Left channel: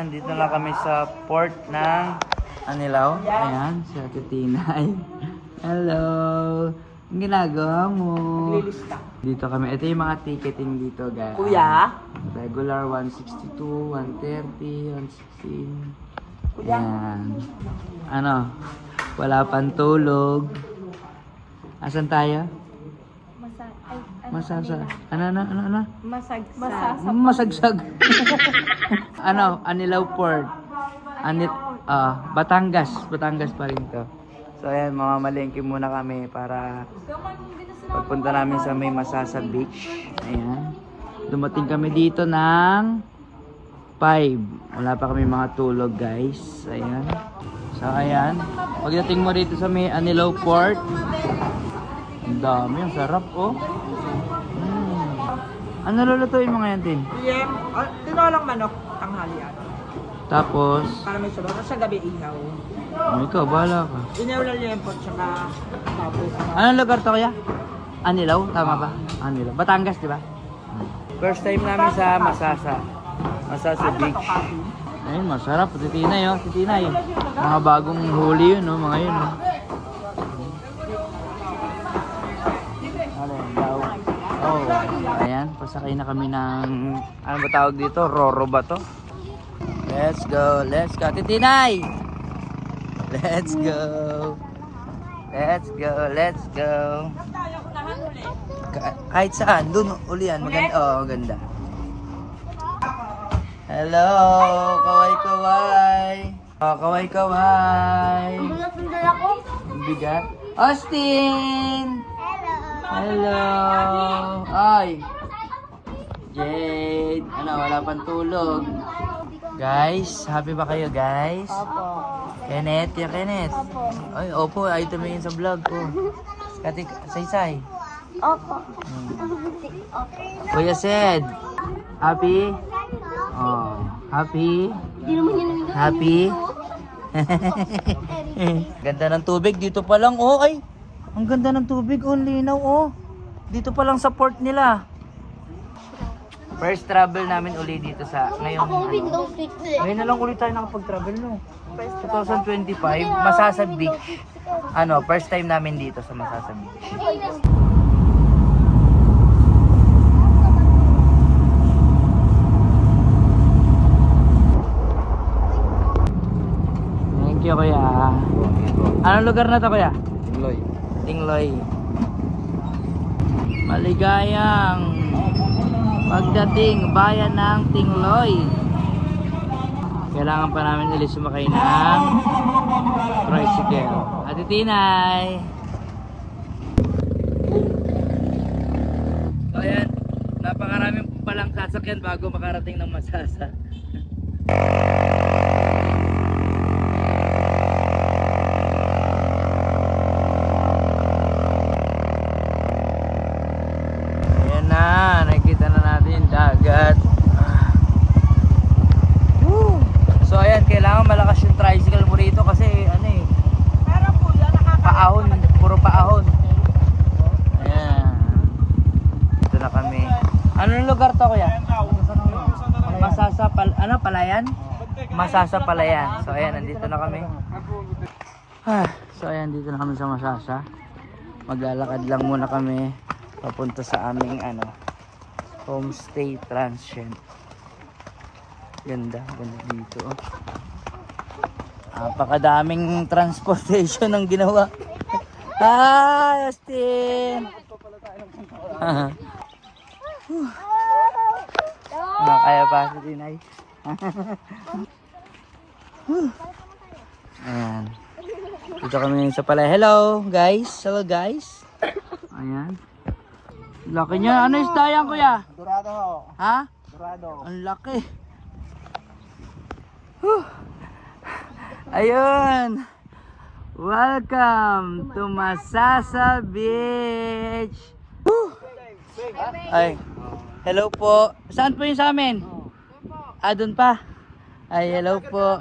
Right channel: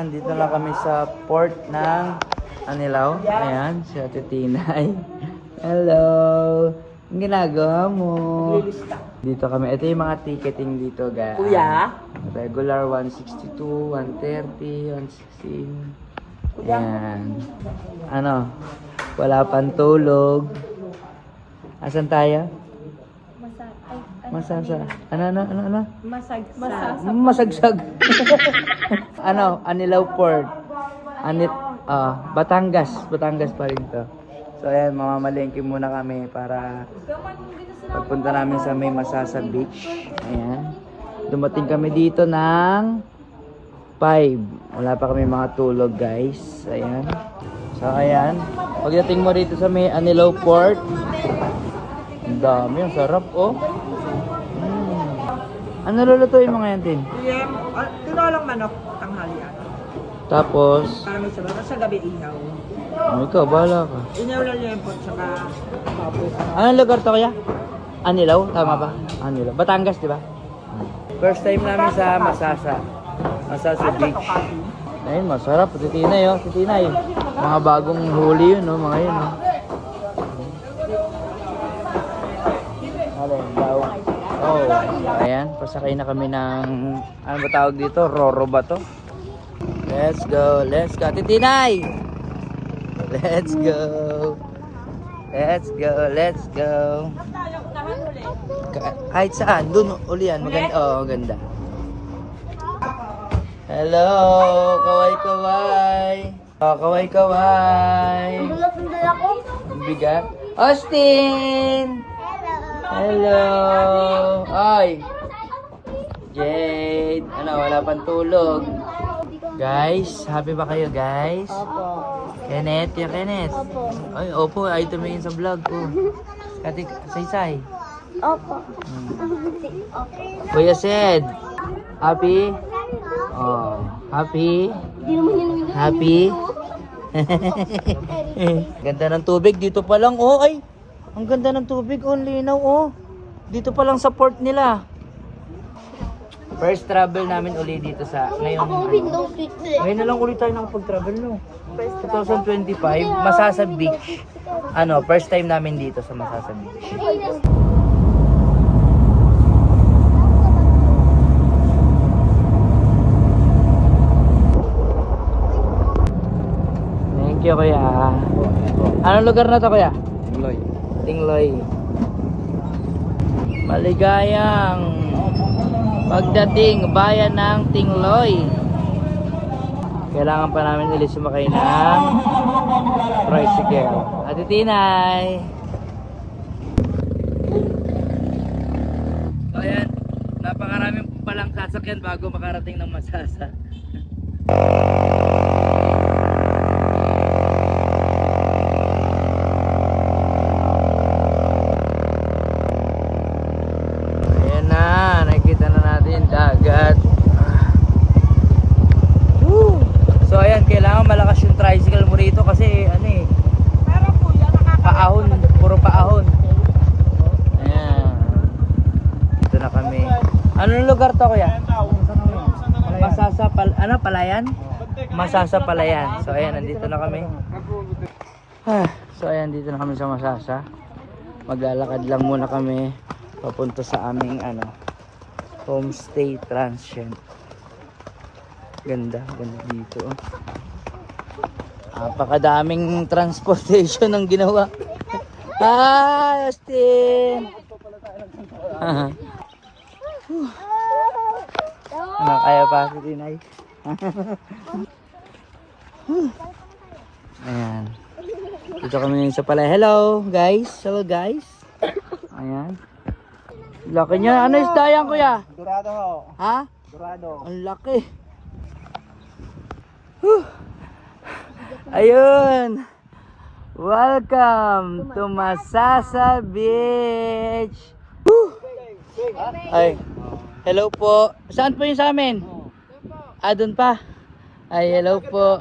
nandito na kami sa port ng Anilaw. Ayan, si Ate Tinay. Hello! Ang ginagawa mo? Naglilista. Dito kami. Ito yung mga ticketing dito, guys. Kuya? Regular 162, 130, 116. Ayan. Ano? Wala pang tulog. Asan tayo? Masasa. Ano? Masagsag. Ano? Anilaw Port. Batangas. Batangas pa rin to. So ayan, mamamalengke muna kami para pagpunta namin sa may Masasa Beach. Ayan. Dumating kami dito ng 5. Wala pa kami mga tulog, guys. Ayan. So ayan. Pagdating mo rito sa may Anilaw Port, ang dami, ang sarap, oh. Ano lulutuin mo ngayon, Tin? Yan. Tinolang manok, tanghalian. Tapos, Para may sabaw. Sa gabi inaw. ikaw, bahala ka. Inaw lang yan po, tsaka tapos. Anong lugar to kaya? Anilaw? Tama ba? Anilaw. Batangas, di ba? First time namin sa Masasa. Masasa Beach. Ayun, masarap. Titinay, oh. Titinay. Mga bagong huli yun, oh. Mga yun, oh. Oh, ayan. Pasakay na kami ng, ano ba tawag dito? Roro ba to? Let's go. Let's go. Titinay! Let's go. Let's go. Let's go. Kahit saan, dun ulian. Maganda. Oh, maganda. Hello. Kaway-kaway. Oh, kaway-kaway. Sundal ako. Bigat. Austin! Hello. Ay. Jade. Ano, wala pang tulog. Guys, happy ba kayo, guys? Opo. Kenneth, yung Kenneth. Opo. Ay, opo, ay tumingin sa vlog ko. Ate, say-say. Opo. Kuya Sed, happy? Oh, happy? Hindi naman yun. Happy? Ganda ng tubig, dito pa lang, oh, ay. Ang ganda ng tubig, oh, linaw, oh. Dito pa lang sa port nila. First travel namin uli dito sa ngayong Windows switch. ngayon na lang ulit tayo nakapag-travel, no? 2025, Masasa Beach. Ano, first time namin dito sa Masasa Beach. Thank you, kuya. Anong lugar na to, kuya? Tingloy. Tingloy. Maligayang pagdating bayan ng Tingloy. Kailangan pa namin ulit sumakay ng tricycle. Ate Tinay. So ayan, napakaraming palang sasakyan bago makarating ng Masasa. Ayan na, nakikita na natin yung dagat. So ayan, kailangan malakas yung tricycle mo rito kasi ano eh, paahon, puro paahon. Ayan. Ito na kami. Anong lugar to, kuya? Masasa Palayan? Masasa Palayan. So ayan, nandito na kami. So ayan, dito na kami sa Masasa. Maglalakad lang muna kami papunta sa aming homestay transient. Ganda dito. Napakadaming transportation ang ginawa. Justin! Kaya pa si Tinay. Ayan. Dito kami ngayon sa Palay. Hello guys. Hello guys. Ayan. Laki niya. Ano isda yan, kuya? Dorado ho. Ha? Dorado. Ang laki. Ayun. Welcome to Masasa Beach. Ay. Hello po. Saan po yung sa amin? Doon pa. Ay, hello po.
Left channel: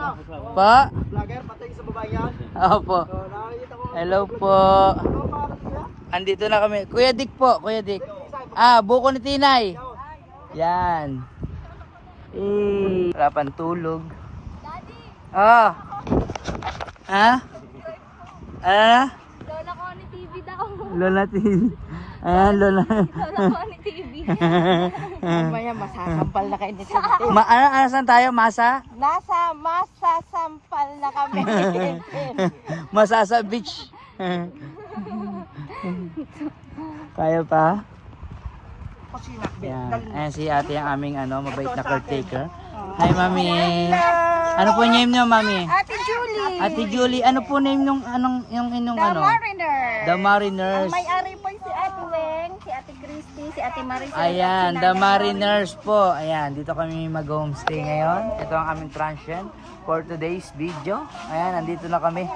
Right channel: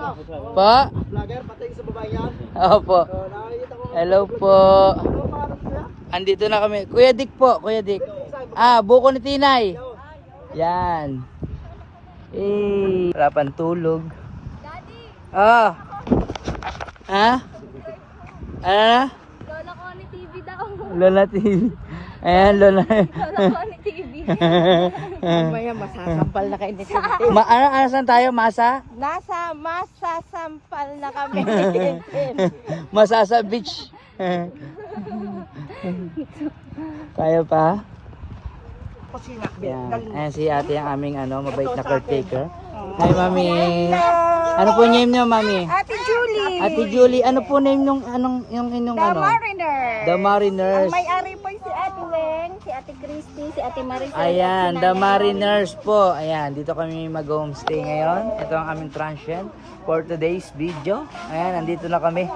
Pa? Vlogger, patay sa babae yan. Opo. Nakakita ko. Hello po. Andito na kami. Kuya Dick po, Kuya Dick. Buko ni Tinay. Yan. Wala pang tulog. Oh. Ha? Ah? Lola ko ni TV daw. Lola TV. Ayan, Lola. Lola ko ni TV. Mamaya masasampal na kayo ni Tintin. Ano saan tayo? Masa? Masasampal na kami. Masasa Beach. Kaya pa? Kusina. Yan. Ayan si ate ang aming mabait na caretaker. Hi, Mami. Ano po name niyo, Mami? Ate Julie. Ate Julie, ano po name nung yung inyong Mariner. The Mariners. May-ari po si Ate Weng, si Ate Christy, si Ate Marisol. Ayan, The Mariners po. Ayan, dito kami mag-homestay ngayon. Ito ang aming transient for today's video. Ayan, nandito na kami.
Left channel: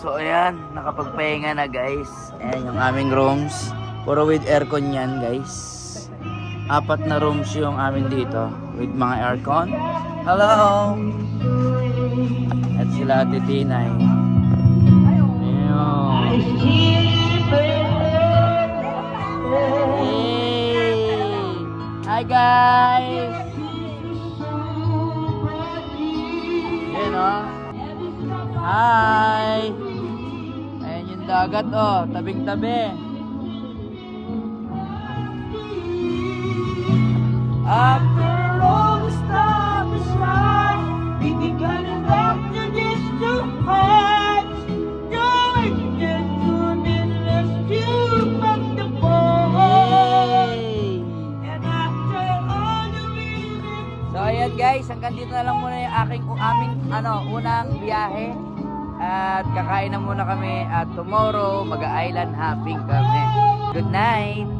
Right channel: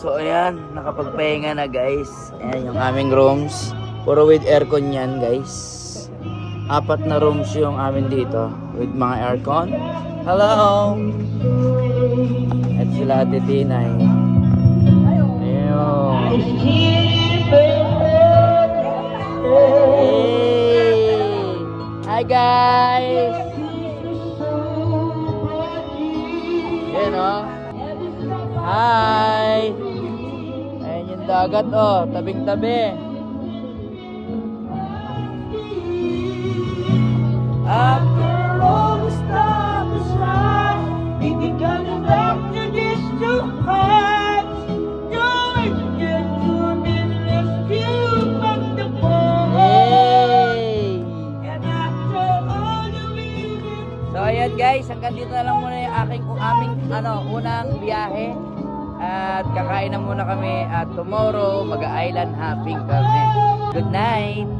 So ayan, nakapagpahinga na guys. Ayan yung aming rooms. Puro with aircon yan guys. 4 na rooms yung aming dito with mga aircon. Hello! At sila Ate Tina. Hi guys! Ayan o. Hi! Ayan yung dagat o, tabing-tabi. After all the stars rise, we gonna back to these two hearts. Going to be rescued from the fall. And after all the reasons. So ayan guys, hanggang dito na lang muna yung aming unang biyahe. At kakain na muna kami at tomorrow mag-island hopping kami. Good night!